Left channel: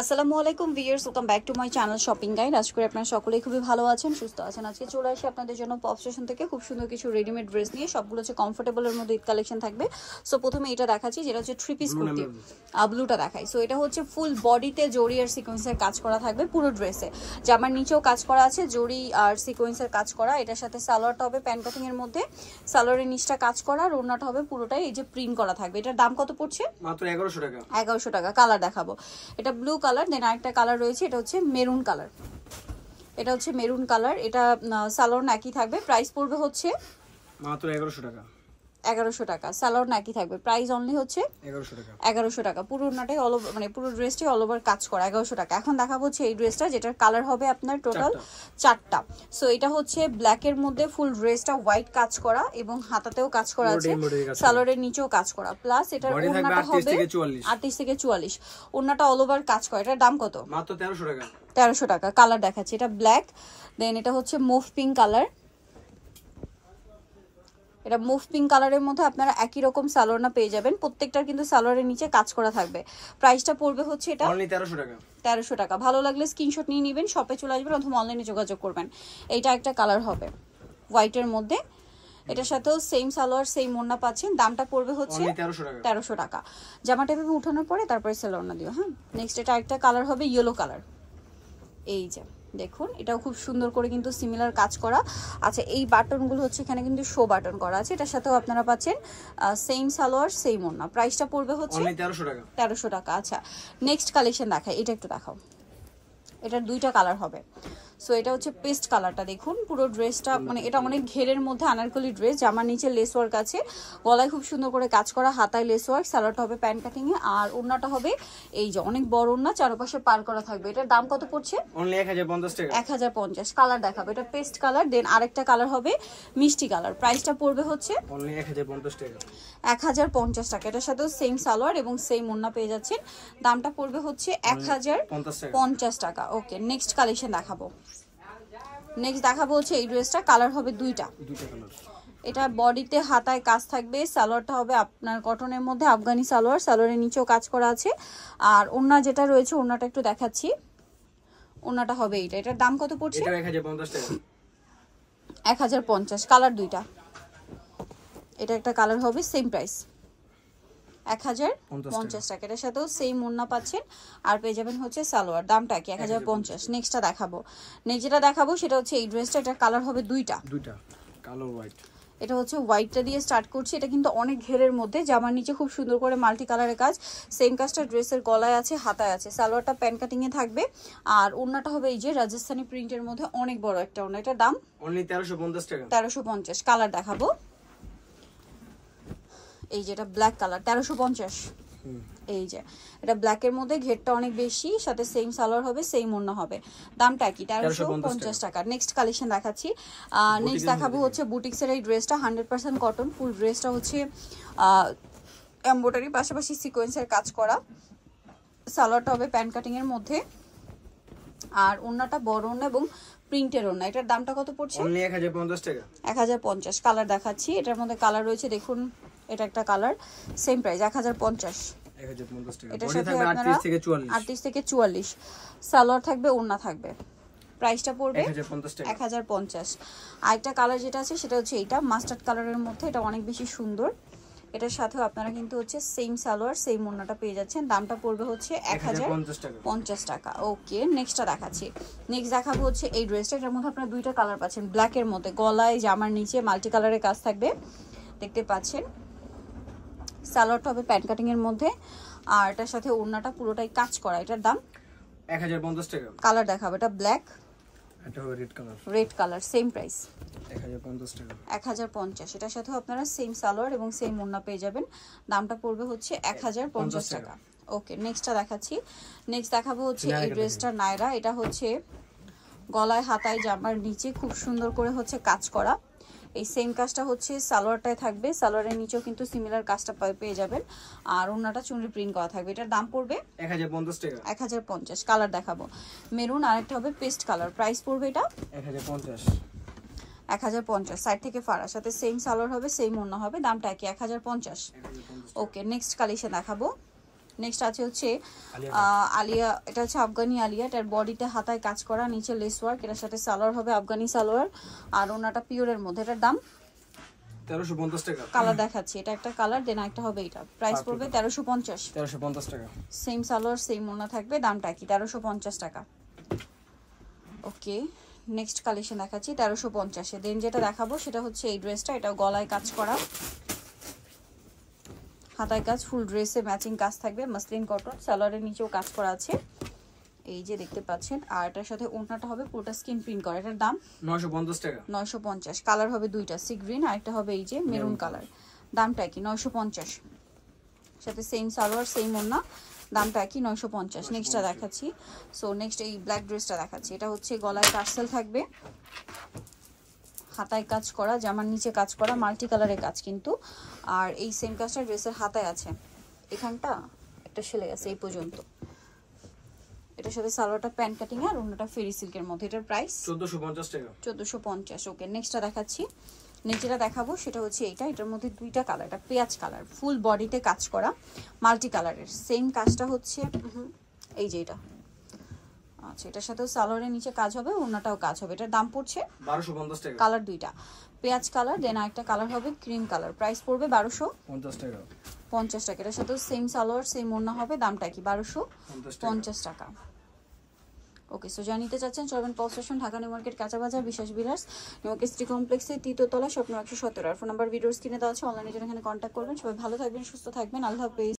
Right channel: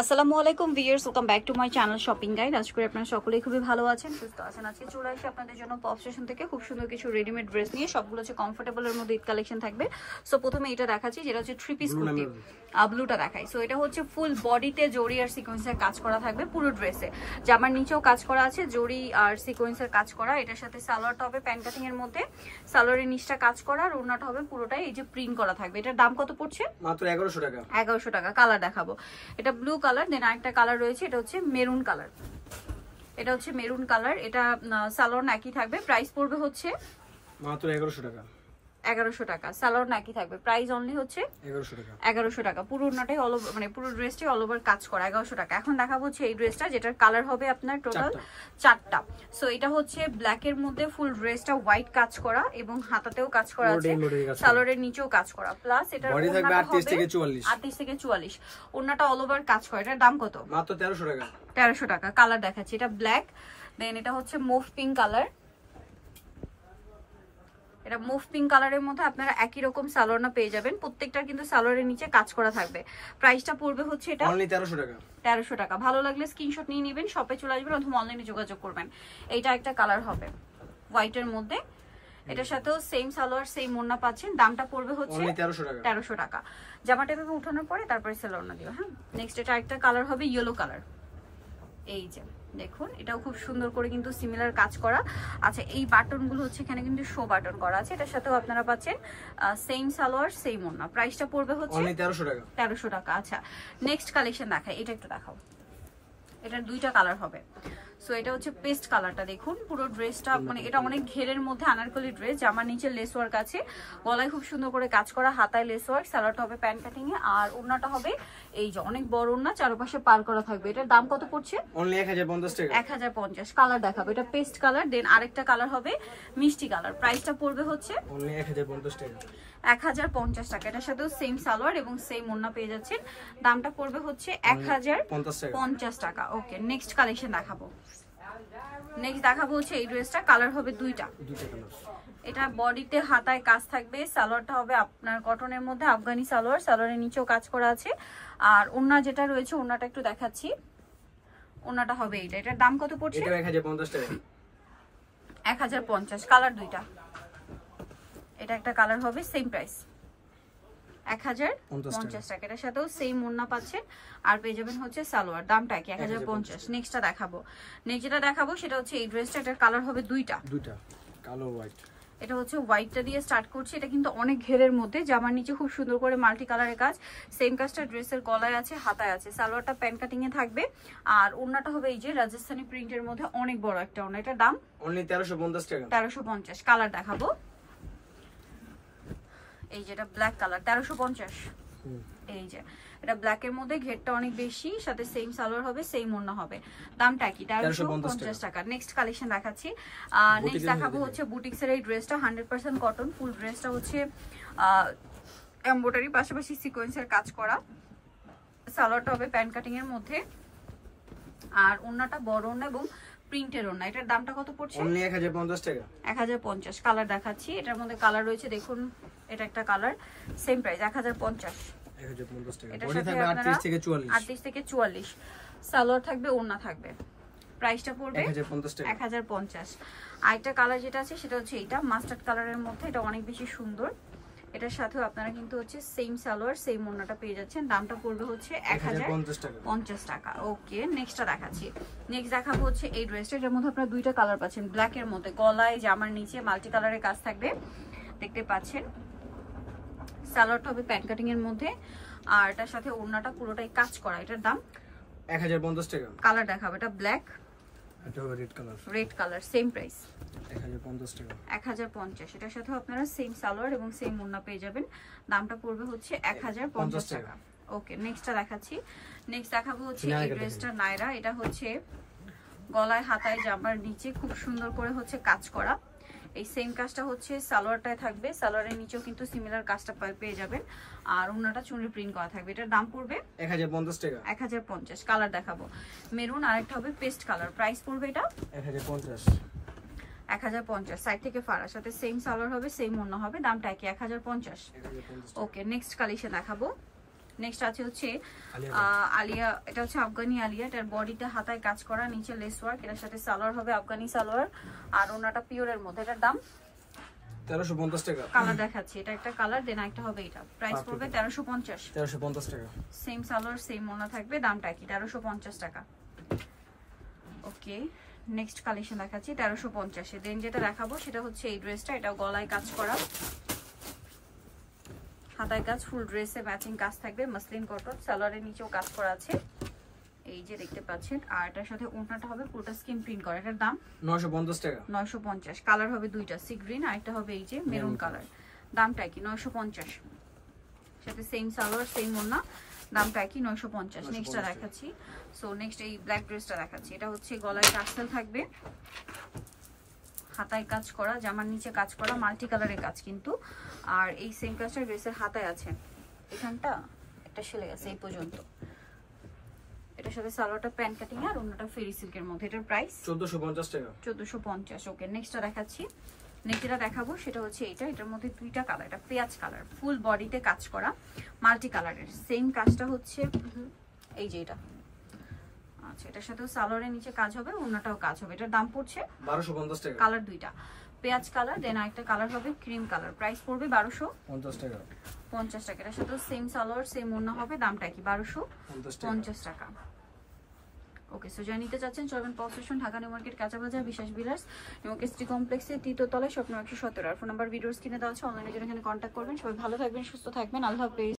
আসসালামু আলাইকুম viewers, welcome back to my channel shopping guide. আজকে আপনারা সকলেই খুবই ভালো আছেন, সুস্থ আছেন। আজকে চলে আসি আপনাদের জন্য পপ স্টেশন থেকে খুব সুন্দর কিছু রেডিমেড ড্রেস নিয়ে। সবগুলো হচ্ছে কমফোর্টেবলের মধ্যে ঈদ কালেকশন থাকবে। সো প্রথমে এটা দেখাচ্ছি, যেটা হচ্ছে থ্রি পিস কুর্তি, ব্লুটা দেখাই। সো এটা হচ্ছে ফুল বডিতে জরি আর সিকোয়েন্সের কাজ করা থাকবে পুরো ড্রেসে। জামার নিচেও কাজ করা আছে, জরি আর সিকোয়েন্সের কাজ করা। এটার সাথে সালোয়ারটা হবে প্যান্ট কাটিং এর মধ্যে, সালোয়ারের নিচটা কাজ করা, আর ওড়নাটা হবে পুরোটাই এই যে প্রিন্ট করা থাকবে। এটার দাম কত পড়ছে? মাত্র 1100 টাকা। 1100 টাকা। কালার দেখাবো, এটা ব্লু কালার, দেন আরেকটা কালার রয়েছে, এটা হচ্ছে মেরুন কালার। এটা হচ্ছে মেরুন কালার, এটা সালোয়ার একই থাকবে। প্রাইস পড়বে হচ্ছে মাত্র 1100 টাকা। 1100 টাকা। সালোয়ার একই থাকবে, প্রাইস অনলি হচ্ছে 1100 টাকা। 1100 টাকা। পুরো ওড়নাটাই অল ওভার, মানে পুরো ড্রেসটাই অল ওভার কাজ করা, 1100 টাকা। এখন দেখাবো হচ্ছে এই ড্রেসটা, যেটার কালার হবে আপনার টোটাল 4টা। সো এটা হচ্ছে ব্ল্যাক এর মধ্যে ফুল ড্রেসটা হোয়াইট কাজ করা এবং হাতাতেও কাজ করা আছে, সালোয়ারের নিচেও কাজ করা। প্লাস এটা বডি থাকবে 38 থেকে 44। 38 থেকে 44। ওড়নাটা অল ওভার কাজ করা। এটার দাম কত? মাত্র 1300 টাকা। 1300 টাকা। কালার দেখাচ্ছি, এটা ব্ল্যাক, দেন এটা হচ্ছে মুভ পিঙ্ক কালার। এটা মুভ পিঙ্ক কালারের মধ্যে আপনারা একই রকম সালোয়ার পেয়ে যাবেন। প্রত্যেকটার কিন্তু সালোয়ারের নিচে কাজ করা থাকবে। প্রাইসটা পড়বে হচ্ছে এটা অনলি 1300 টাকা। 1300 টাকা। ভালো লাগলে স্ক্রিনশট নিয়ে নেবেন, শপে চলে আসবেন অথবা অনলাইনে যোগাযোগ করবেন। এইটা একটা কালার হবে হোয়াইটের মধ্যে, এটার সাথেও সেম সালোয়ার সেম ওড়না পাচ্ছেন। দামটা পড়বে হচ্ছে অনলি 1300 টাকা। 1300 টাকা। জামাটা ভেবে উঠানোর পরে তারপরে সালোয়ারটা দিও। হ্যাঁ, নেক্সট এটা একটা কালার হবে ইয়েলো কালার। এই যে দেখুন, এটাও খুব সুন্দর করে কিন্তু সিমিলার কাজ করা। আচ্ছা, এই বাটনগুলো হচ্ছে এখানে কিন্তু শো বাটন করা আছে। এটার সাথেও আপনারা পাচ্ছেন সেম সালোয়ার সেম ওড়না। প্রাইসটা পড়বে হচ্ছে অনলি 1300 টাকা। 1300 টাকা। আচ্ছা, নেক্সট কালেকশন দেখাই, এটা একটু দেখাও। এটার দুইটা কালার হবে। সো এটা হচ্ছে পেস্ট কালারটা। দেখুন পুরো ড্রেসটা, মানে এটা অনেক ঘেরের মধ্যে আনারকলি ড্রেস। জামার নিচে লেস ওয়ার্ক আছে, গলায় খুব সুন্দর করে কাজ করা, হাতায় লেস ওয়ার্ক, সালোয়ারটা হবে প্যান্ট কাটিং এ, আর ওড়নাটা হবে এই যে অনেক বড় ওড়না, চারপাশে পার করা থাকবে। এটার দাম কত পড়ছে? অনলি 1050 টাকা। 1050। কালার দেখাবো, এটা পেস্ট কালার, দেন আরেকটা কালার হবে মিষ্টি কালার। প্রাইসটা পড়বে হচ্ছে অনলি 1050 টাকা। 1050 টাকা। এটার সাথেও সেম সালোয়ার এবং সেম ওড়না পেয়ে যাচ্ছেন। দামটা পড়বে হচ্ছে 1050 টাকা। ওকে, নেক্সট কালেকশন দেখাবো। নেক্সট দেখাবো হচ্ছে এই ড্রেসটা, কালার হবে দুইটা কালার। এটা বডিতে হাতায় কাজ থাকবে, সালোয়ারটা হবে আপনার কটনের মধ্যে আফগানি সালোয়ার, সালোয়ারের নিচেও কাজ করা আছে। আর ওড়না যেটা রয়েছে, ওড়নাটা একটু দেখাচ্ছি, ওড়নাটা হবে এইটা। এটার দাম কত পড়ছে? এটা 1050 টাকা। 1050। কালার দুইটা, এটা একটা কালার হবে সেম প্রাইস 1050 টাকা। এটার সাথেও সেম ওড়না পাচ্ছেন, আর পেয়ে যাবেন হচ্ছে সালোয়ার। দামটা কি? 1050। নেক্সটটা দেখাবো, নেক্সট যেটা দেখাবো সেটা হচ্ছে এই ড্রেসটা। এটার কালার হবে দুইটা, কালো হোয়াইট। এটা হচ্ছে হোয়াইটটা দিয়ে স্টার্ট করছি। এটা কিন্তু অনেক ঘেরের মধ্যে, জামার নিচে খুব সুন্দর করে মাল্টি কালারের কাজ, সেম কাজটা ড্রেসের গলায় আছে, হাতায় আছে। সালোয়ারটা প্যান্ট কাটিং এ থাকবে, আর ওড়নাটা হবে এই যে রাজস্থানি প্রিন্টের মধ্যে অনেক বড় একটা ওড়না। এটার দাম অনলি 1350 টাকা। 1350। কালার দেখাবো, এই যেটা ব্ল্যাক কালার, 1350। এই যে এটা ব্ল্যাকের মধ্যে ঘেরটা অনেক বেশি, সাথে সেম সালোয়ার হবে, সেম ওড়না হবে। দামটা কি? 1350 টাকা। নেক্সট কালেকশন দেখাচ্ছি, নেক্সট দেখাবো হচ্ছে বুটিক্সের এই ড্রেসটা, 100% কটন। ফুল ড্রেসটা হচ্ছে এমব্রয়ডারি, পাশাপাশি সিকোয়েন্সের কাজ করা। সালোয়ারটা হবে প্যান্ট কাটিং এর মধ্যে, আর ওড়নাটা বড় ওড়না এবং প্রিন্টের ওড়না। এটার দামটা কত পড়ছে? অনলি 1050 টাকা। 1050। কালার দেখাচ্ছি, এটার মধ্যে কালার রয়েছে দেখুন, এটা একটা কালার, সেম প্রাইস 1050 টাকা। বডি থাকবে 38 থেকে 44। 38 থেকে 44। সালোয়ার থাকবে, ওড়না থাকবে। প্রাইসটা পড়বে 1050 টাকা। 1050। আরেকটা কালার যেটা আছে সেটা হচ্ছে এইটা মাস্টার্ড কালারের মধ্যে, এটা অনেক বেশি সুন্দর। এটার সাথেও আপনারা কিন্তু হচ্ছে সেম সালোয়ার সেম ওড়নাটা পেয়ে যাচ্ছেন। দামটা পড়বে হচ্ছে 1050 টাকা। ওকে, নেক্সটটা দেখাচ্ছি। নেক্সট দেখাবো হচ্ছে এই ড্রেসটা, এটার মধ্যে আপনারা দুইটা কালার পাচ্ছেন, ব্ল্যাকের মধ্যে, গলায় জামার নিচে মাল্টি কালারের কাজ থাকবে, দেখতে পাচ্ছেন। সালোয়ারটা হবে প্যান্ট কাটিং এর মধ্যে, আর এটার সাথে ওড়নাটা পুরোটাই কাজ করা। এটার দাম 1050 টাকা। কালার দেখাবো, এটা ব্ল্যাক, এটা হবে রেড কালার, সেম প্রাইস 1050 টাকা। 1050। এটার সাথেও আপনারা সেম সালোয়ার এবং সেম ওড়না পেয়ে যাবেন। দামটা পড়বে হচ্ছে 1050 টাকা। ওকে, নেক্সটটা দেখাচ্ছি। নেক্সট দেখাবো হচ্ছে এই ড্রেসটা নায়রা। এটা হচ্ছে গলায় হাতায় জামার নিচে খুব সুন্দর করে হচ্ছে কাজ করা। এই সেম কাজটা হচ্ছে সালোয়ারটায় থাকবে, সালোয়ারের নিচেও কিন্তু সিমিলার কাজটা পেয়ে যাবেন, আর ওড়নাটা চুনরি প্রিন্ট করা থাকবে। এটার দাম পড়বে 1050 টাকা। 1050। কালার দেখাবো, মেরুন, আরেকটা হবে পেস্ট কালার। প্রাইস পড়বে এটা 1050। 1050। সাইড থেকে ফাড়ার সাথে সেম সালোয়ার হবে, সেম ওড়না হবে, দামটা কি? 1050। ওকে, নেক্সট কালেকশন দেখাবো। নেক্সট আছে হচ্ছে আলিয়া আলিয়া, এটা হচ্ছে আফগানি আলিয়া, এটার বডিতে হাতায় কাজ করা, নিচে লেস ওয়ার্ক, এটার সাথে সালোয়ার হবে আফগানি সালোয়ার, আর ওনাটা পিওরের মধ্যে। এটার দাম 1350 টাকা। কালার দেখাচ্ছি, এটা একটা কালার, দেন একটা হবে এটা। প্রাইস পড়বে 1350। 1350 টাকা। সেম সালোয়ার সেম ওনা থাকবে, দামটা কি 1350 টাকা। ওকে, নেক্সট কালেকশন দেখাচ্ছি 1350-এ। দেন যেটা দেখাবো সেটা হচ্ছে এই ড্রেসটা, এটা গলায় কাজ করা, হাতায় কাজ, ফুল ড্রেসে ম্যাচিং কাজ থাকবে, মাসলিন কটন, সালোয়ারের নিচেও কাজ করা আছে, এই যে দেখতে পাচ্ছেন। আর এটার সাথে ওড়নাটা হবে পুরোটা স্কিন প্রিন্ট করা। এটার দাম 950 টাকা। 950। কালার হবে দুইটা, সি গ্রিন আর একটা হবে এই যে মেরুন কালার। দামটা কি 950, সাথে সেম সালোয়ার সেম ওড়না, দামটা কি 950। নেক্সটটা দেখাচ্ছি। সো নেক্সট এই ব্ল্যাক ড্রেসটা দেখাচ্ছি, এটা হচ্ছে গলায় টার্সেল থাকবে, হাতায় কাজ করা, জামার নিচে কাজ করা, মাল্টি কালারের কাজ কিন্তু। আর এই সেম কাজটা ড্রেসের হাতায় আছে, এখানটা একটা সেলাই আছে এই পর্যন্ত। এটার সাথে সালোয়ারটা প্যান্ট কাটিং আর অন্যটা ফেরি সিল্কের মধ্যে। এটার প্রাইস 1450 টাকা। 1450। ওকে, নেক্সটটা দেখাচ্ছি। নেক্সট যেটা দেখাবো সেটা হচ্ছে এইটা, এটার মধ্যে দুইটা কালার, এটা পেঁয়াজ কালার, ফুল বডিতে কাজ করা, মাল্টি কালারের। সেম কাজটা হচ্ছে এই যে এটা, আচ্ছা এটার সাথেও সালোয়ারের নিচে কাজ হবে, ওড়নাটাও কাজ হবে। এটার দাম পড়ছে 1250 টাকা। কালার দুইটা, পেঁয়াজ কালার, দেন আরেকটা কালার হবে ক্রিম কালার। প্রাইস পড়বে 1250 টাকা। 50 টাকা। এটার সাথে সেম সালোয়ার সেম ওড়না হবে, দামটা কি 1250 টাকা। ওকে, সো যা নিতে চাচ্ছেন চলবেন pop station, Dhaka new market, কাঁচা বাজার, বিশেষ বিলাস, নিউকেস্ট্রি কমপ্লেক্সে 3য় তলায়, স্বপ্ন 117। আর ফোন নাম্বার ভিডিওর স্ক্রিনে দেওয়া আছে, অনলাইনে জন্য এখানে কন্ট্যাক্ট করবেন। সবাই ভালো থাকবেন, সুস্থ থাকবেন, আল্লাহ হাফেজ।